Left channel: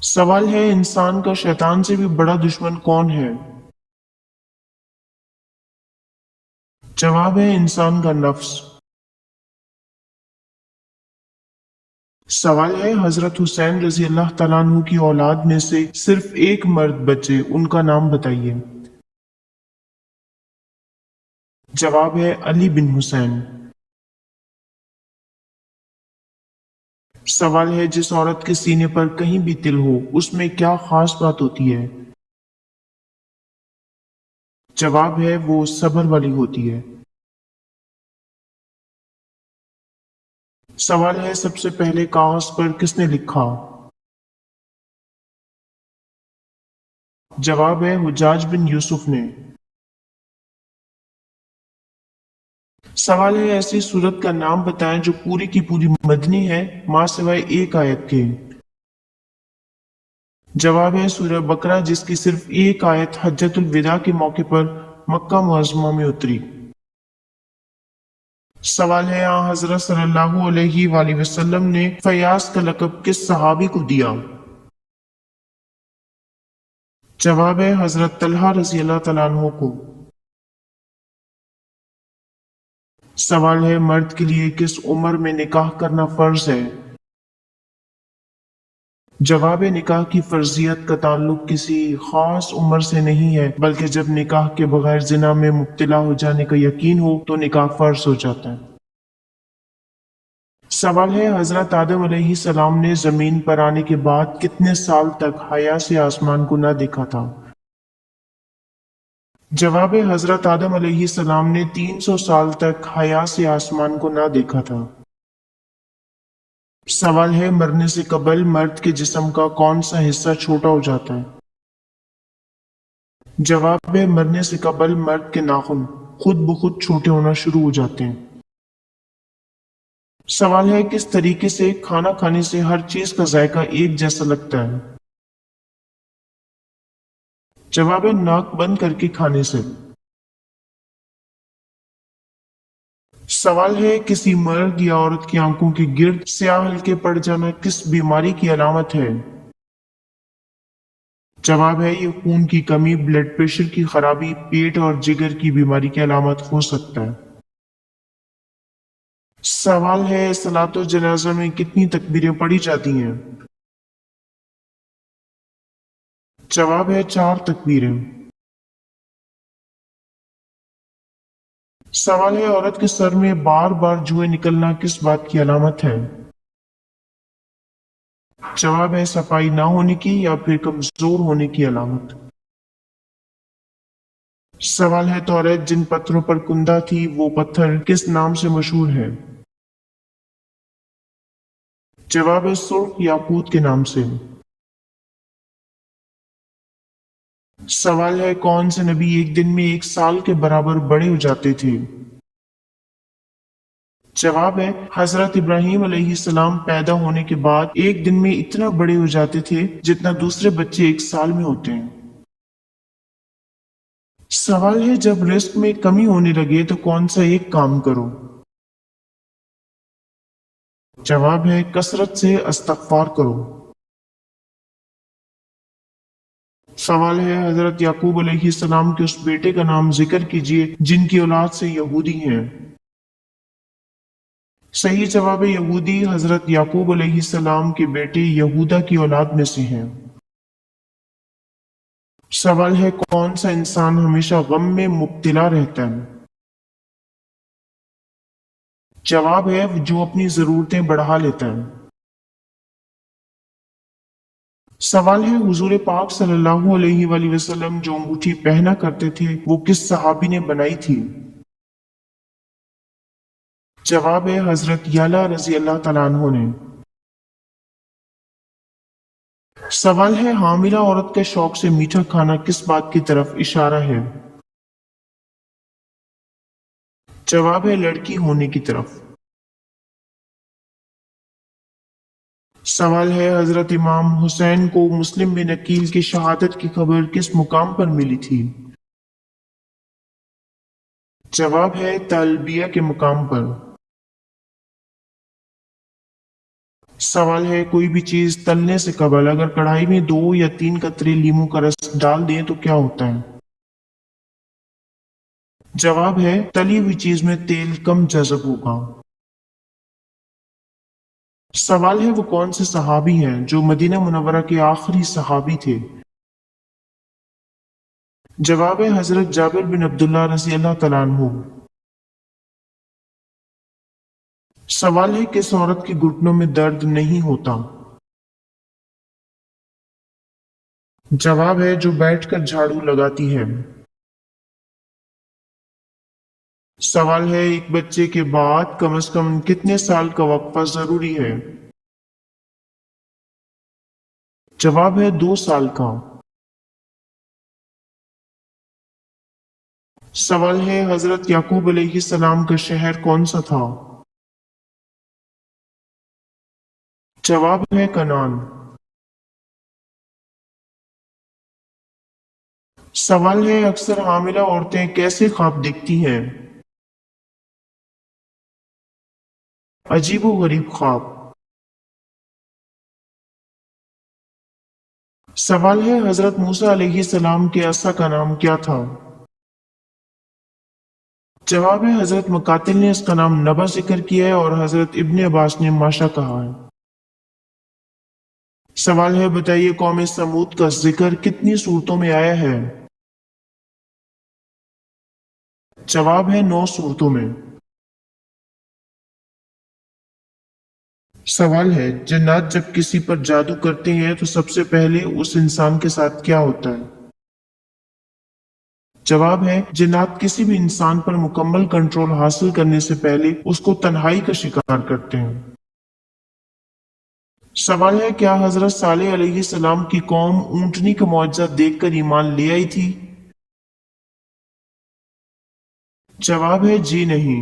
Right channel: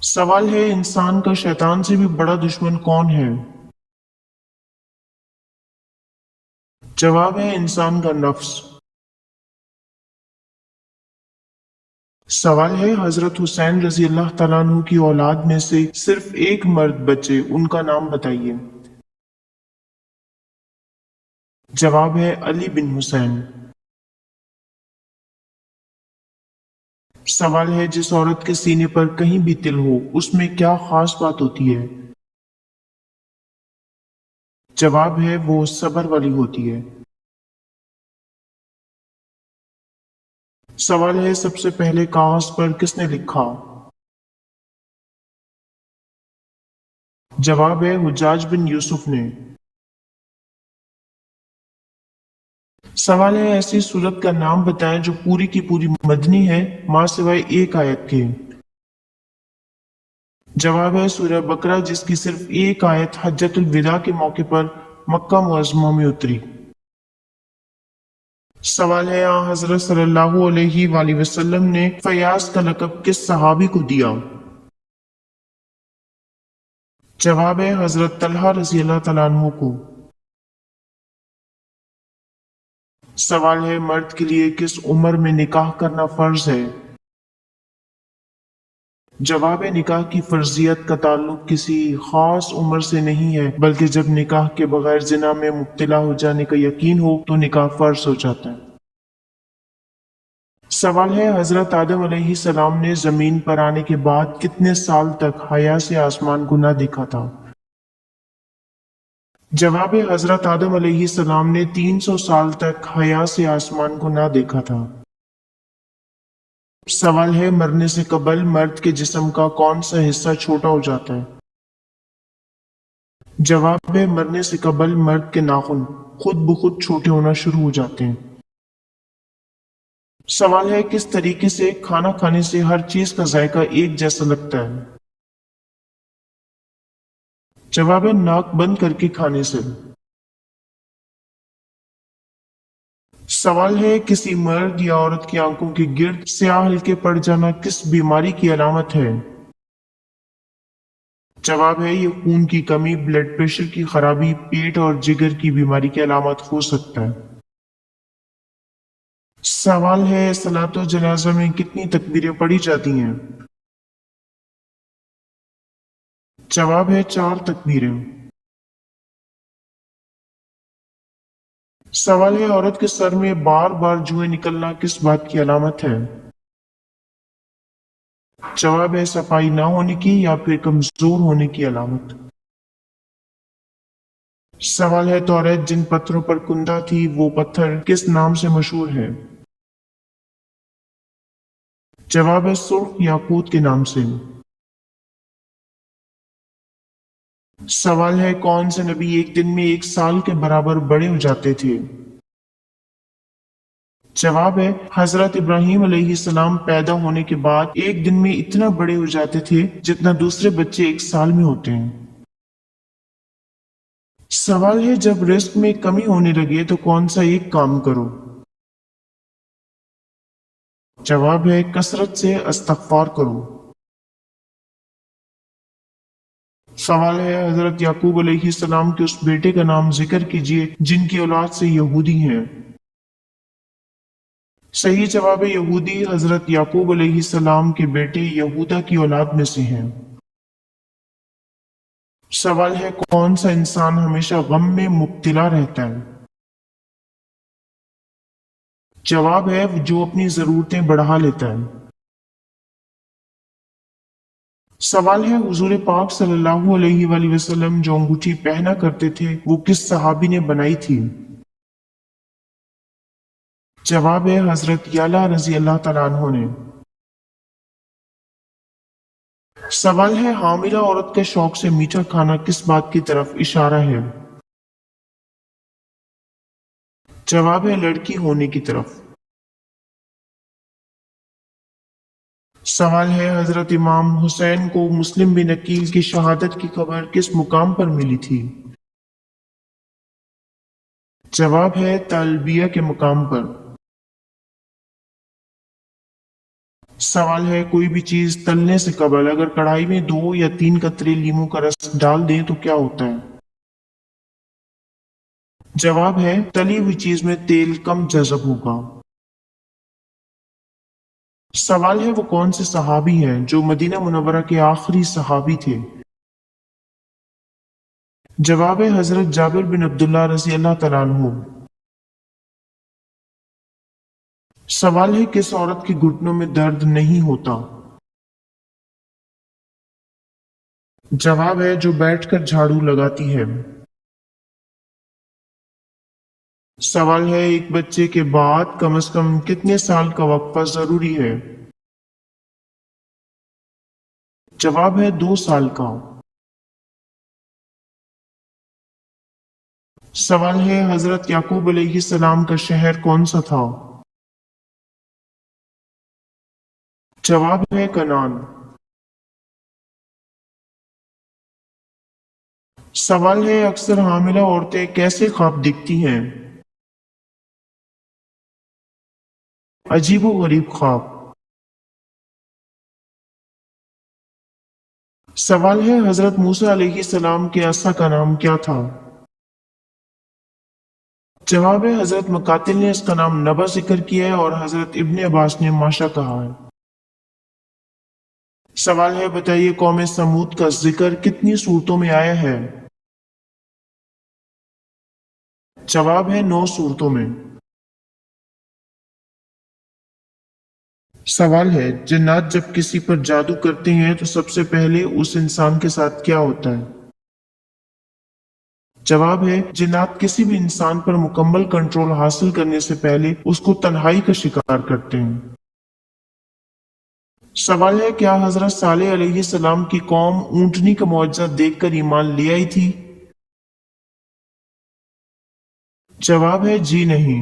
सवाल है इंसान का शैतान से भी बड़ा दुश्मन कौन है। जवाब है इंसान का नफ्स। सवाल है हजरत हुसैन रजी अल्लाह तआला अन्हु की औलाद में से सिर्फ एक मर्द बचे, उनका नाम बताइए। जवाब है अली बिन हुसैन। सवाल है जिस औरत के सीने पर कहीं भी तिल हो उसमें क्या खास बात होती है। जवाब है वो सबर वाली होती है। सवाल है सबसे पहले कागज पर किसने लिखा। जवाब है हुज्जाज बिन यूसुफ ने। सवाल है ऐसी सूरत का नाम बताएं जो पूरी की पूरी मदनी है, मां सिवाय एक आयत के। जवाब है सूरह बकरा, जिसकी सिर्फ एक आयत हज्जतुल विदा के मौके पर मक्का मुअज़्ज़मा में उतरी। सवाल है हजरत सल्लल्लाहु अलैहि वसल्लम ने फयाज का लक़ब किस सहाबी को दिया। जवाब है हजरत तलहा रजी अल्लाह तआला अन्हु को। सवाल है मर्द के लिए किस उम्र में निकाह करना फर्ज है। जवाब है निकाह की फर्जियत का ताल्लुक किसी खास उम्र से नहीं है, बल्कि जब निकाह के बगैर जिना में मुब्तला हो जाने का यकीन हो तो निकाह फर्ज हो जाता है। सवाल है हजरत आदम अलैहिस्सलाम ने जमीन पर आने के बाद कितने साल तक हया से आसमान को ना देखा था। जवाब है हजरत आदम अलैहिस्सलाम ने 300 साल तक हया से आसमान को ना देखा था। सवाल है मरने से कबल मर्द के जिस्म का कौन सा हिस्सा छोटा हो जाता है। जवाब है मरने से कबल मर्द के नाखून खुद ब खुद छोटे होना शुरू हो जाते हैं। सवाल है किस तरीके से खाना खाने से हर चीज का जायका एक जैसा लगता है। जवाब है नाक बंद करके खाने से। सवाल है किसी मर्द या औरत की आंखों के गिर्द स्याह हल्के पड़ जाना किस बीमारी की अलामत है। जवाब है ये खून की कमी, ब्लड प्रेशर की खराबी, पेट और जिगर की बीमारी की अलामत हो सकता है। सवाल है सलातो जनाजा में कितनी तकबीरें पढ़ी जाती हैं। जवाब है 4 तकबीरें। सवाल है औरत के सर में बार बार जुएं निकलना किस बात की अलामत है। जवाब है सफाई ना होने की या फिर कमजोर होने की अलामत। सवाल है तौरेत जिन पत्थरों पर कुंदा थी वो पत्थर किस नाम से मशहूर है। जवाब है सुर्ख याकूत के नाम से। सवाल है कौन से नबी एक दिन में 1 साल के बराबर बड़े हो जाते थे। जवाब है हजरत इब्राहिम अलैहिस्सलाम पैदा होने के बाद एक दिन में इतना बड़े हो जाते थे जितना दूसरे बच्चे 1 साल में होते हैं। सवाल है जब रिस्क में कमी होने लगे तो कौन सा एक काम करो। जवाब है कसरत से इस्तगफार करो। सवाल है हजरत याकूब अलैहिस्सलाम के उस बेटे का नाम जिक्र कीजिए जिनकी औलाद से यहूदी हैं। सही जवाब है यहूदी हजरत याकूब अलैहिस्सलाम के बेटे यहूदा की औलाद में से हैं। सवाल है कौन सा इंसान हमेशा गम में मुब्तला रहता है। जवाब है जो अपनी जरूरतें बढ़ा लेता है। सवाल है हुजूर पाक सल्लल्लाहु अलैहि वसल्लम जो अंगूठी पहना करते थे वो किस सहाबी ने बनाई थी। जवाब है हजरत याला रजी अल्लाह तआला अन्हु ने। सवाल है हामिला औरत के शौक से मीठा खाना किस बात की तरफ इशारा है। जवाब है लड़की होने की तरफ। सवाल है हजरत इमाम हुसैन को मुस्लिम बिन अकील की शहादत की खबर किस मुकाम पर मिली थी। जवाब है तलबिया के मुकाम पर। सवाल है, कोई भी चीज तलने से कबल अगर कढ़ाई में 2 या 3 कतरे लीमू का रस डाल दें तो क्या होता है? जवाब है, तली हुई चीज में तेल कम जज़ब होगा। सवाल है, वो कौन से सहाबी हैं जो मदीना मुनव्वरा के आखिरी सहाबी थे? जवाब है, हजरत जाबिर बिन अब्दुल्ला रजी अल्लाह तआला अन्हु। सवाल है, किस औरत के घुटनों में दर्द नहीं होता? जवाब है, जो बैठकर झाड़ू लगाती है। सवाल है, एक बच्चे के बाद कम से कम कितने साल का वक्फा जरूरी है? जवाब है, 2 साल का। सवाल है, हजरत याकूब अलैहिस्सलाम का शहर कौन सा था? जवाब है, कनान। सवाल है, अक्सर हामिला औरतें कैसे ख्वाब देखती हैं? अजीबो गरीब ख्वाब। सवाल है, हजरत मूसा अलैहिस्सलाम के असा का नाम क्या था? जवाब है, हजरत मुकातिल ने इसका नाम नबा जिक्र किया है और हजरत इब्ने अब्बास ने माशा कहा है। सवाल है, बताइए कौम समूद का जिक्र कितनी सूरतों में आया है? जवाब है, 9 सूरतों में। सवाल है, जिन्नात जब किसी पर जादू करते हैं तो सबसे पहले उस इंसान के साथ क्या होता है? जवाब है, जिन्नात किसी भी इंसान पर मुकम्मल कंट्रोल हासिल करने से पहले उसको तन्हाई का शिकार करते हैं। सवाल है, क्या हजरत सालेह अलैहिस्सलाम की कौम ऊंटनी का मुआजिजा देखकर ईमान ले आई थी? जवाब है, जी नहीं।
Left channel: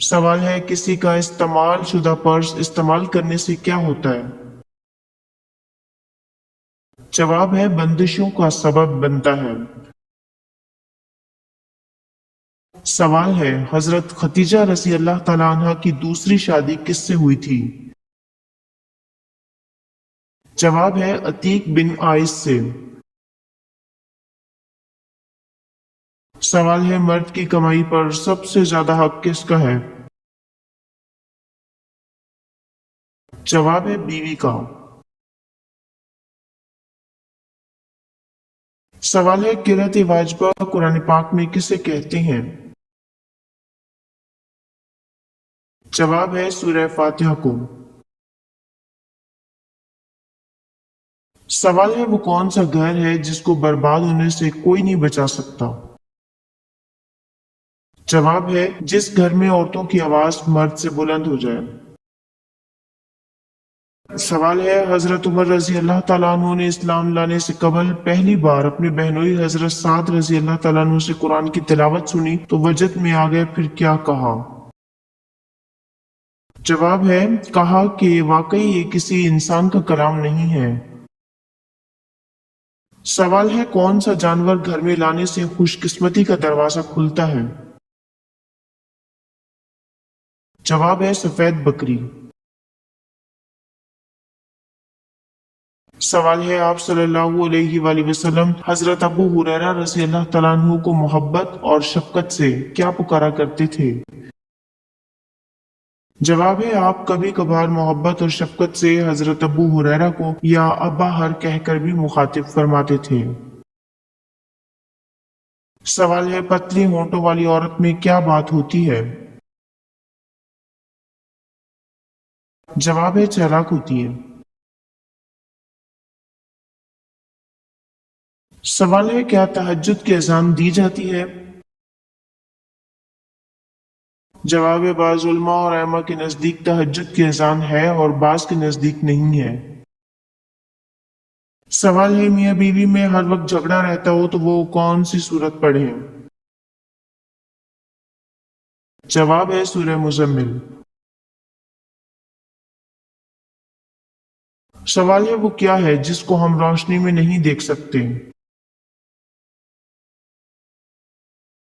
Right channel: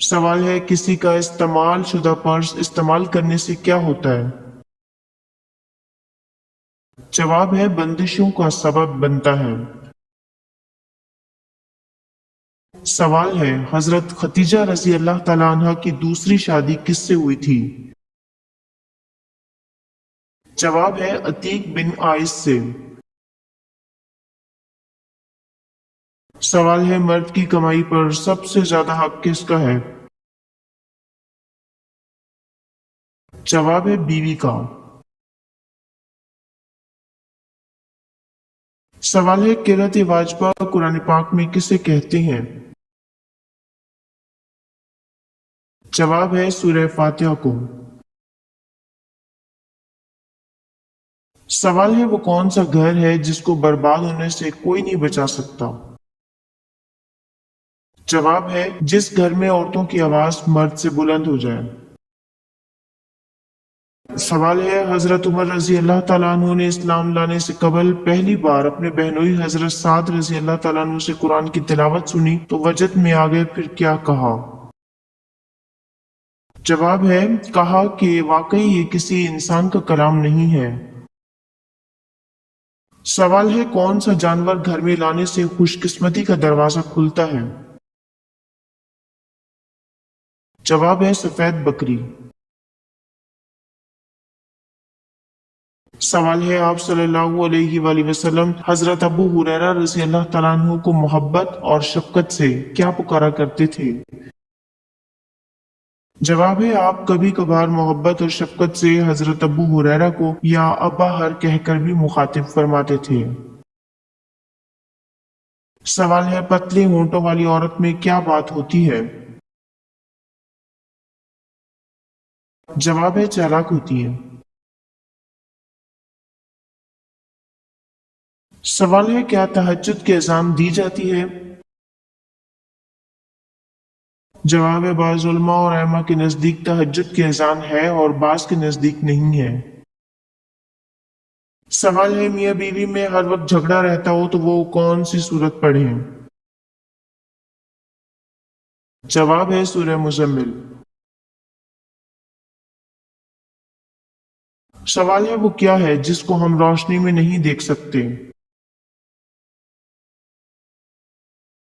सवाल है, किसी का इस्तेमाल शुदा पर्स इस्तेमाल करने से क्या होता है? जवाब है, बंदिशों का सबब बनता है। सवाल है, हजरत खतीजा रजी अल्लाह तआला अन्हा की दूसरी शादी किससे हुई थी? जवाब है, अतीक बिन आइस से। सवाल है, मर्द की कमाई पर सबसे ज्यादा हक किसका है? जवाब है, बीवी का। सवाल है, किरत वाजबा कुरान पाक में किसे कहते हैं? जवाब है, सूरह फातिहा को। सवाल है, वो कौन सा घर है जिसको बर्बाद होने से कोई नहीं बचा सकता? जवाब है, जिस घर में औरतों की आवाज मर्द से बुलंद हो जाए। सवाल है, हजरत उमर रजी अल्लाह तआला अन्हु ने इस्लाम लाने से कबल पहली बार अपने बहनोई हजरत साद रजी अल्लाह तआला अन्हु से कुरान की तिलावत सुनी तो वजद में आ गए, फिर क्या कहा? जवाब है, कहा कि वाकई ये किसी इंसान का कलाम नहीं है। सवाल है, कौन सा जानवर घर में लाने से खुशकिस्मती का दरवाजा खुलता है? जवाब है, सफेद बकरी। सवाल है, आप सल्लल्लाहु अलैहि वसल्लम हजरत अबू हुरैरा रज़ी अल्लाह तआला अन्हु को मोहब्बत और शफकत से क्या पुकारा करते थे? जवाब है, आप कभी कभार मोहब्बत और शफकत से हजरत अबू हुरैरा को या अब्बा हर कहकर भी मुखातिब फरमाते थे। सवाल है, पतली होंठों वाली औरत में क्या बात होती है? जवाब है, चालाक होती है। सवाल है, क्या तहज्जुद की अजान दी जाती है? जवाब है, बाज उलमा और अइम्मा के नजदीक तहज्जुद की अजान है और बाज के नजदीक नहीं है। सवाल है, मियाँ बीवी में हर वक्त झगड़ा रहता हो तो वो कौन सी सूरत पढ़े? जवाब है, सूरह मुजम्मिल। सवाल है, वो क्या है जिसको हम रोशनी में नहीं देख सकते?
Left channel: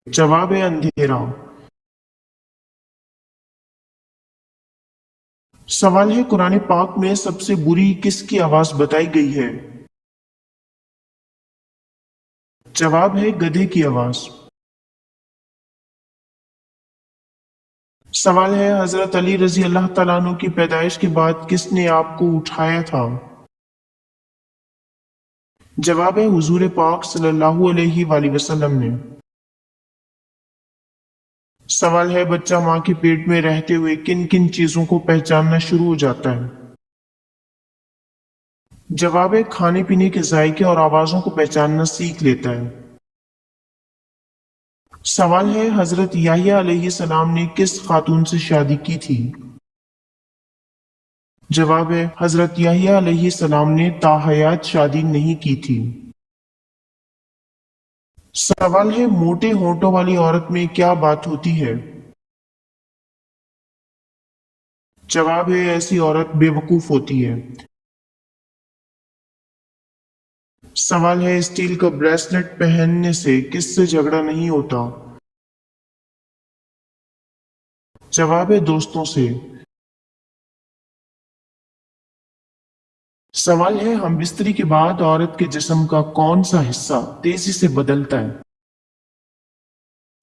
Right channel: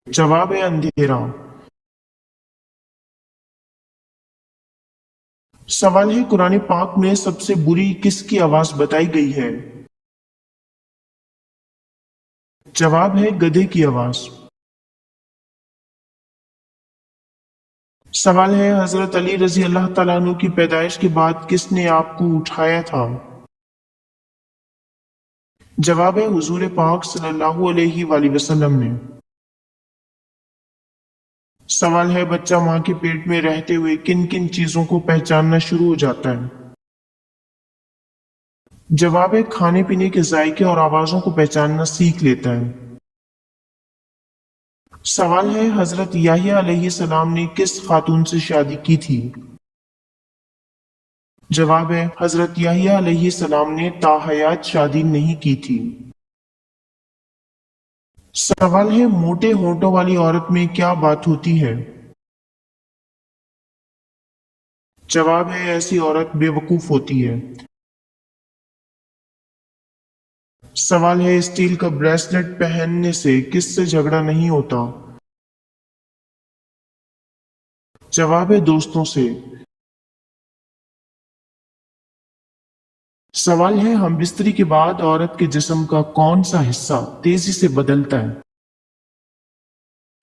जवाब है, अंधेरा। سوال ہے قرآن پاک میں سب سے بری کس کی آواز بتائی گئی ہے؟ جواب ہے گدھے کی آواز۔ سوال ہے حضرت علی رضی اللہ تعالیٰ عنہ کی پیدائش کے بعد کس نے آپ کو اٹھایا تھا؟ جواب ہے حضور پاک صلی اللہ علیہ وآلہ وسلم نے۔ سوال ہے بچہ ماں کے پیٹ میں رہتے ہوئے کن کن چیزوں کو پہچاننا شروع ہو جاتا ہے؟ جواب ہے کھانے پینے کے ذائقے اور آوازوں کو پہچاننا سیکھ لیتا ہے۔ سوال ہے حضرت یحییٰ علیہ السلام نے کس خاتون سے شادی کی تھی؟ جواب ہے حضرت یحییٰ علیہ السلام نے تاحیات شادی نہیں کی تھی۔ سوال ہے موٹے ہونٹوں والی عورت میں کیا بات ہوتی ہے؟ جواب ہے ایسی عورت بے وقوف ہوتی ہے۔ سوال ہے اسٹیل کا بریسلٹ پہننے سے کس سے جھگڑا نہیں ہوتا؟ جواب ہے دوستوں سے۔ سوال ہے ہم بستری کے بعد عورت کے جسم کا کون سا حصہ تیزی سے بدلتا ہے؟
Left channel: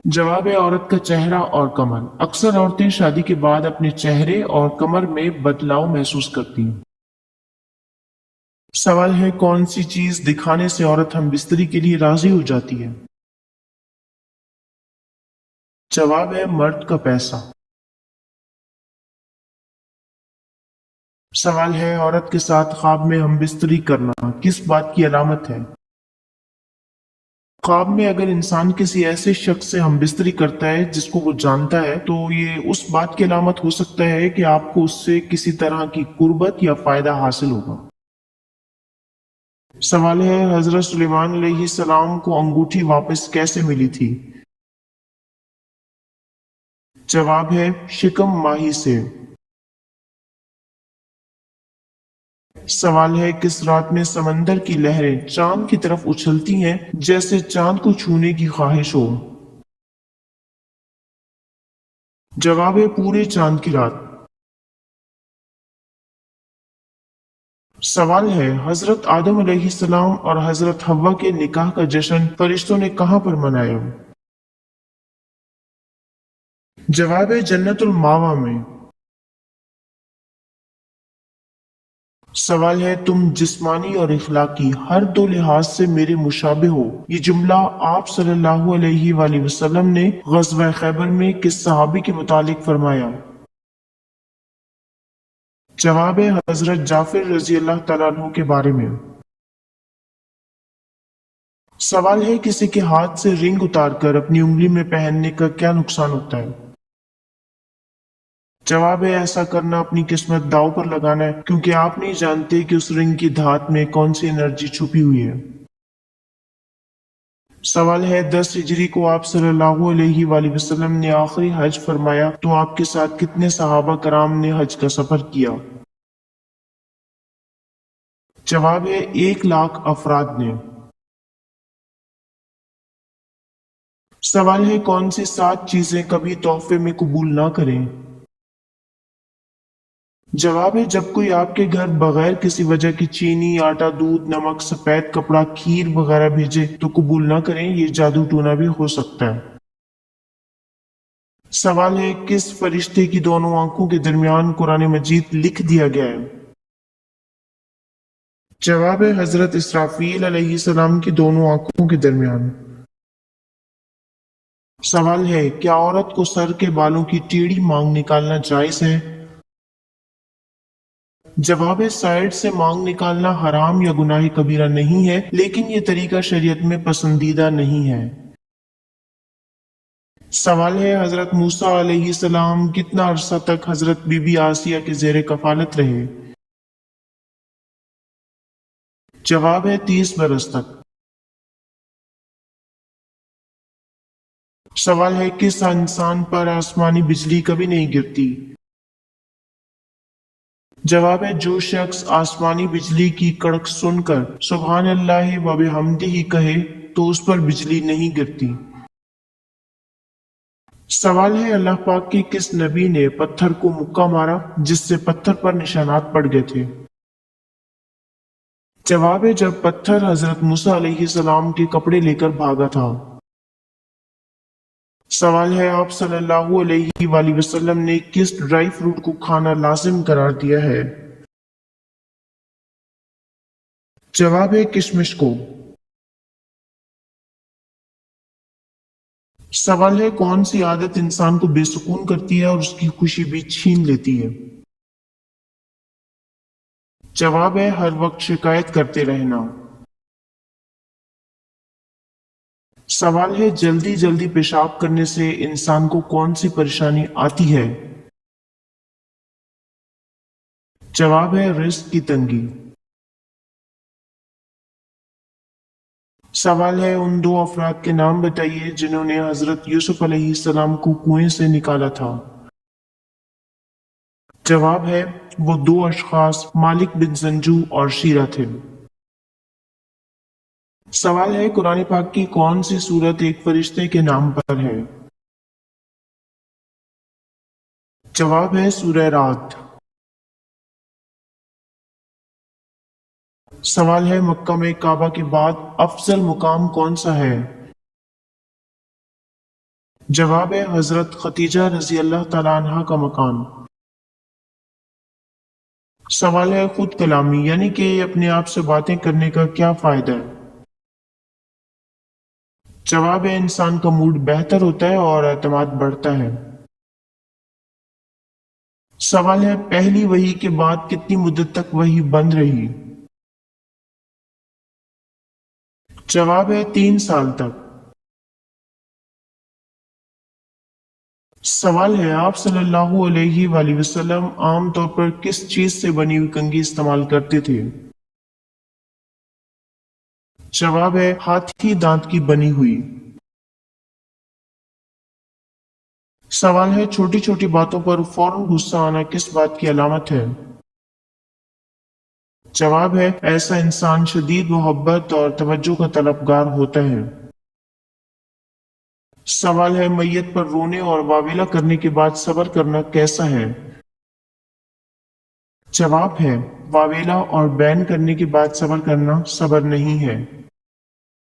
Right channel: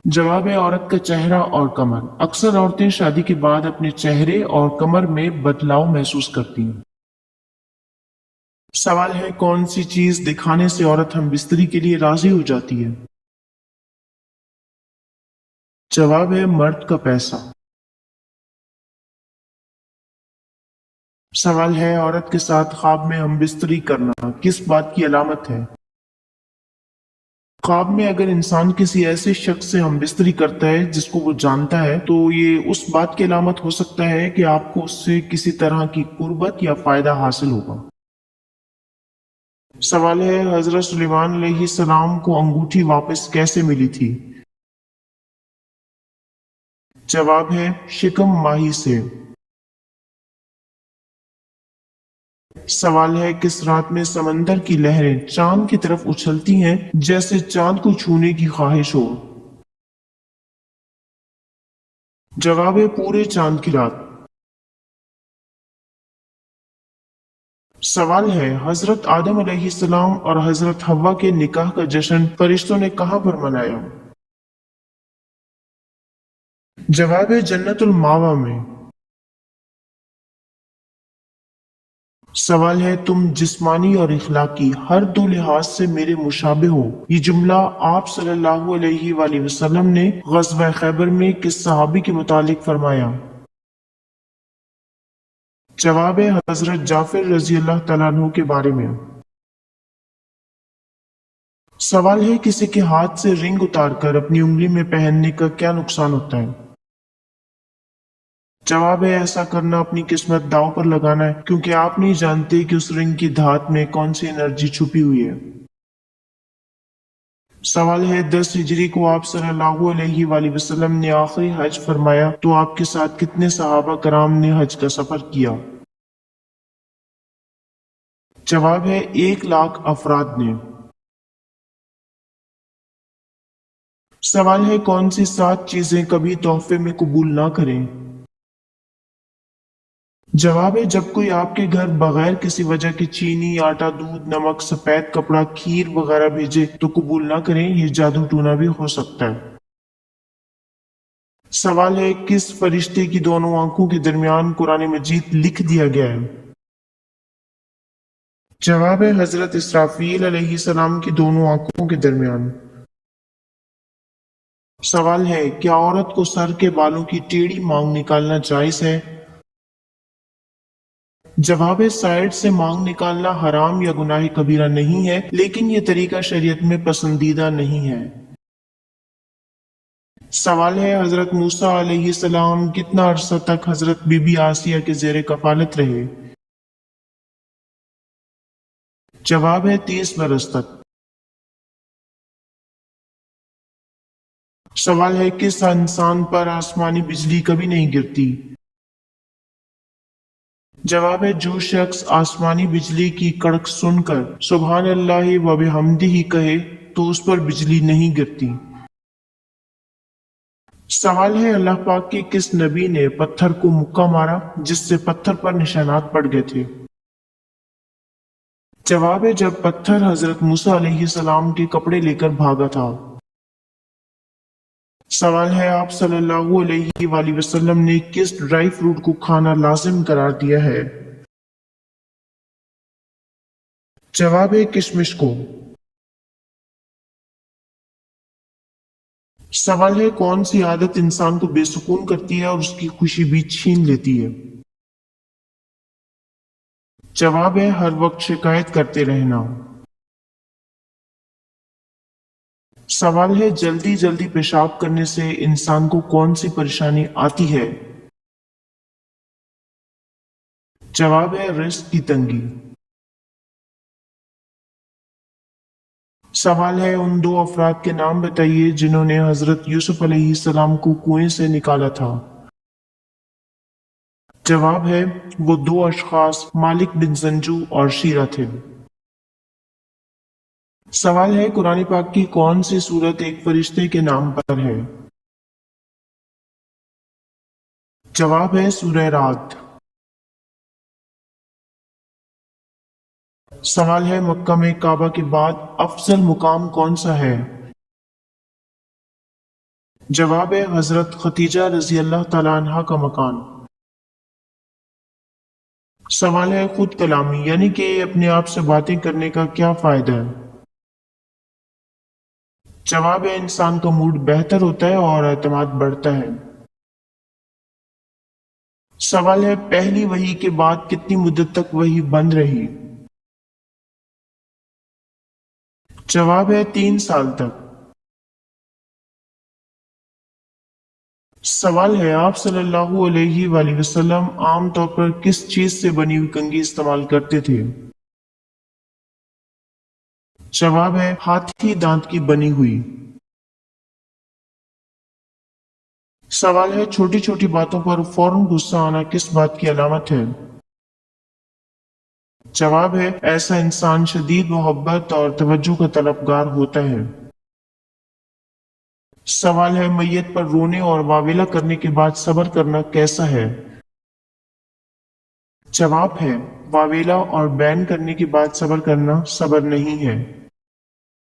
جواب ہے عورت کا چہرہ اور کمر۔ اکثر عورتیں شادی کے بعد اپنے چہرے اور کمر میں بدلاؤ محسوس کرتی ہیں۔ سوال ہے کون سی چیز دکھانے سے عورت ہم بستری کے لیے راضی ہو جاتی ہے؟ جواب ہے مرد کا پیسہ۔ سوال ہے عورت کے ساتھ خواب میں ہم بستری کرنا کس بات کی علامت ہے؟ خواب میں اگر انسان کسی ایسے شخص سے ہم بستری کرتا ہے جس کو وہ جانتا ہے تو یہ اس بات کی علامت ہو سکتا ہے کہ آپ کو اس سے کسی طرح کی قربت یا فائدہ حاصل ہوگا۔ سوال ہے حضرت سلیمان علیہ السلام کو انگوٹھی واپس کیسے ملی تھی؟ جواب ہے شکم ماہی سے۔ سوال ہے کس رات میں سمندر کی لہریں چاند کی طرف اچھلتی ہیں جیسے چاند کو چھونے کی خواہش ہو؟ جواب ہے پورے چاند کی رات۔ سوال ہے حضرت آدم علیہ السلام اور حضرت حوا کے نکاح کا جشن فرشتوں نے کہاں پر منایا؟ جواب ہے جنت الماوا میں۔ سوال ہے تم جسمانی اور اخلاقی ہر دو لحاظ سے میرے مشابہ ہو، یہ جملہ آپ صلی اللہ علیہ وآلہ وسلم نے غزوہ خیبر میں کس صحابی کے متعلق فرمایا؟ جواب ہے حضرت جعفر رضی اللہ تعالیٰ عنہ کے بارے میں۔ سوال ہے کسی کے ہاتھ سے رنگ اتار کر اپنی انگلی میں پہننے کا کیا نقصان ہوتا ہے؟ جواب ہے ایسا کرنا اپنی قسمت داؤ پر لگانا ہے کیونکہ آپ نہیں جانتے کہ اس رنگ کی دھات میں کون سی انرجی چھپی ہوئی ہے۔ سوال ہے 10 ہجری کو آپ صلی اللہ علیہ وآلہ وسلم نے آخری حج فرمایا تو آپ کے ساتھ کتنے صحابہ کرام نے حج کا سفر کیا؟ جواب ہے 1,00,000 افراد نے۔ سوال ہے کون سی 7 چیزیں کبھی تحفے میں قبول نہ کریں؟ جواب ہے جب کوئی آپ کے گھر بغیر کسی وجہ کے چینی، آٹا، دودھ، نمک، سفید کپڑا، کھیر وغیرہ بھیجے تو قبول نہ کریں، یہ جادو ٹونا بھی ہو سکتا ہے۔ سوال ہے کس فرشتے کی دونوں آنکھوں کے درمیان قرآن مجید لکھ دیا گیا ہے؟ جواب ہے حضرت اسرافیل علیہ السلام کی دونوں آنکھوں کے درمیان۔ سوال ہے کیا عورت کو سر کے بالوں کی ٹیڑھی مانگ نکالنا جائز ہے؟ جواب ہے سائڈ سے مانگ نکالنا حرام یا گناہ کبیرہ نہیں ہے لیکن یہ طریقہ شریعت میں پسندیدہ نہیں ہے۔ سوال ہے حضرت موسیٰ علیہ السلام کتنا عرصہ تک حضرت بی بی آسیہ کے زیر کفالت رہے؟ جواب ہے 30 برس تک۔ سوال ہے کس انسان پر آسمانی بجلی کبھی نہیں گرتی؟ جواب ہے جو شخص آسمانی بجلی کی کڑک سن کر سبحان اللہ و بحمدہ کہے تو اس پر بجلی نہیں گرتی۔ سوال ہے اللہ پاک کی کس نبی نے پتھر کو مکہ مارا جس سے پتھر پر نشانات پڑ گئے تھے؟ جواب ہے جب پتھر حضرت موسیٰ علیہ السلام کے کپڑے لے کر بھاگا تھا۔ سوال ہے آپ صلی اللہ علیہ وآلہ وسلم نے کس ڈرائی فروٹ کو کھانا لازم قرار دیا ہے؟ جواب ہے کشمش کو۔ سوال ہے کون سی عادت انسان کو بے سکون کرتی ہے اور اس کی خوشی بھی چھین لیتی ہے؟ جواب ہے ہر وقت شکایت کرتے رہنا۔ سوال ہے جلدی جلدی پیشاب کرنے سے انسان کو کون سی پریشانی آتی ہے؟ جواب ہے رزق کی تنگی۔ سوال ہے ان دو افراد کے نام بتائیے جنہوں نے حضرت یوسف علیہ السلام کو کنویں سے نکالا تھا۔ جواب ہے وہ دو اشخاص مالک بن زنجو اور شیرہ تھے۔ سوال ہے قرآن پاک کی کون سی سورت ایک فرشتے کے نام پر ہے؟ جواب ہے سورہ رات۔ سوال ہے مکہ میں کعبہ کے بعد افضل مقام کون سا ہے؟ جواب ہے حضرت خدیجہ رضی اللہ تعالیٰ عنہ کا مکان۔ سوال ہے خود کلامی یعنی کہ اپنے آپ سے باتیں کرنے کا کیا فائدہ ہے؟ جواب ہے انسان کا موڈ بہتر ہوتا ہے اور اعتماد بڑھتا ہے۔ سوال ہے پہلی وحی کے بعد کتنی مدت تک وحی بند رہی؟ جواب ہے 3 سال تک۔ سوال ہے آپ صلی اللہ علیہ وآلہ وسلم عام طور پر کس چیز سے بنی ہوئی کنگھی استعمال کرتے تھے؟ جواب ہے ہاتھی دانت کی بنی ہوئی۔ سوال ہے چھوٹی چھوٹی باتوں پر فوراً غصہ آنا کس بات کی علامت ہے؟ جواب ہے ایسا انسان شدید محبت اور توجہ کا طلبگار ہوتا ہے۔ سوال ہے میت پر رونے اور واویلا کرنے کے بعد صبر کرنا کیسا ہے؟ جواب ہے واویلا اور بین کرنے کے بعد صبر کرنا صبر نہیں ہے۔